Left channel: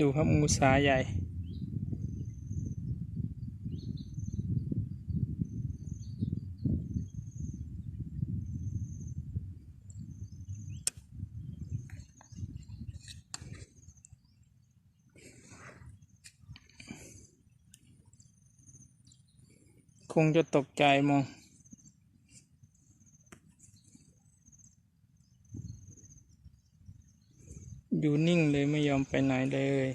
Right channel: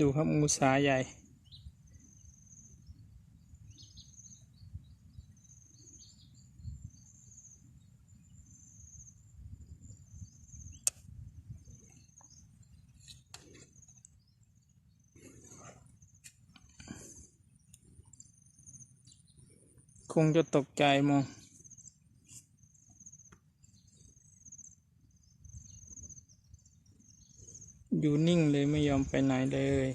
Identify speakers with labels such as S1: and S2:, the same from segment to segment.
S1: ดูครับงูสาใหญ่คงจะตกใจมอง อยู่นิ่งเลยไม่ยอมไปไหนเลย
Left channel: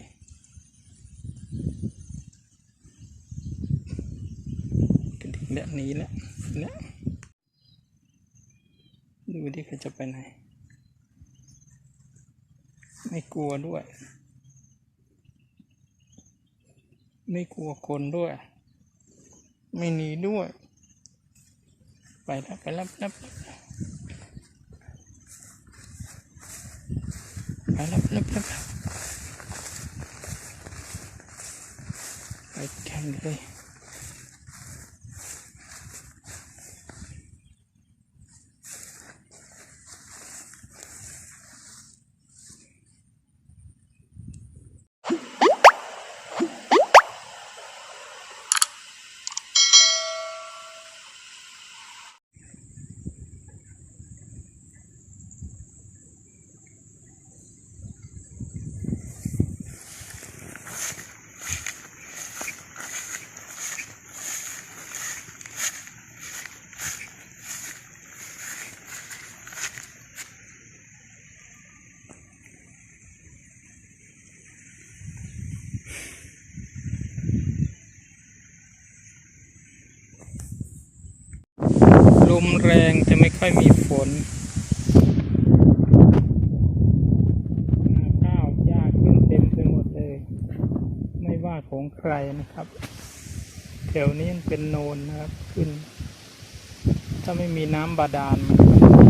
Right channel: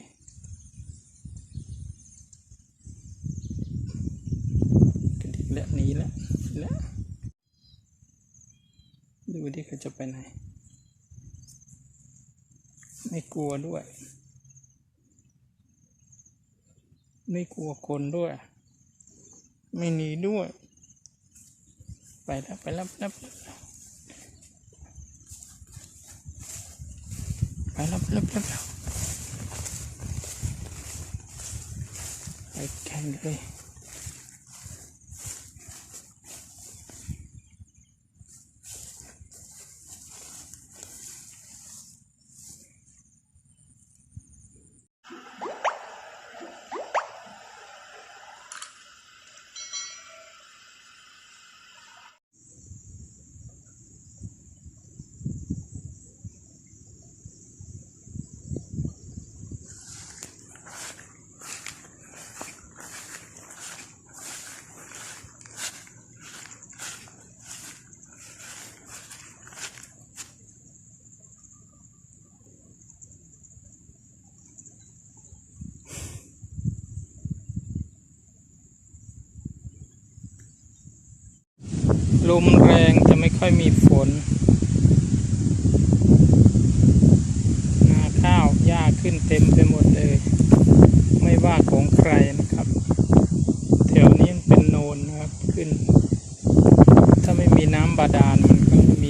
S1: กระดิกแล้วหนีแล้วแล้วดูดิเขาจะไปไหน ไม่กลัวด้วย ไม่กลัวคนด้วย ไม่หนีด้วย ไปแล้วไปแล้วไปแล้ว ไปแล้วไป ลมแรงจะไม่ค่อยมีฝนนาข้าวหญ้าขึ้นเต็มไปหมดเลย ไม่ว่าของใครนะครับ แถวนี้เป็นโนนนะครับขึ้น ถ้าไม่มีน้ำบาดาลมันก็ไม่มี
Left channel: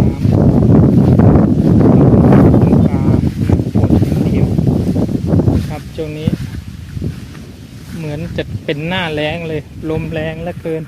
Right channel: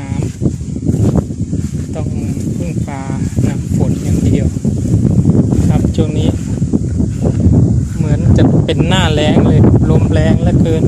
S1: น้ำแต่ผมพึ่งพาน้ำฝนอย่างเดียว ครับช่วงนี้ เหมือนจะเป็นหน้าแรงเลยลมแรงเหลือเกิน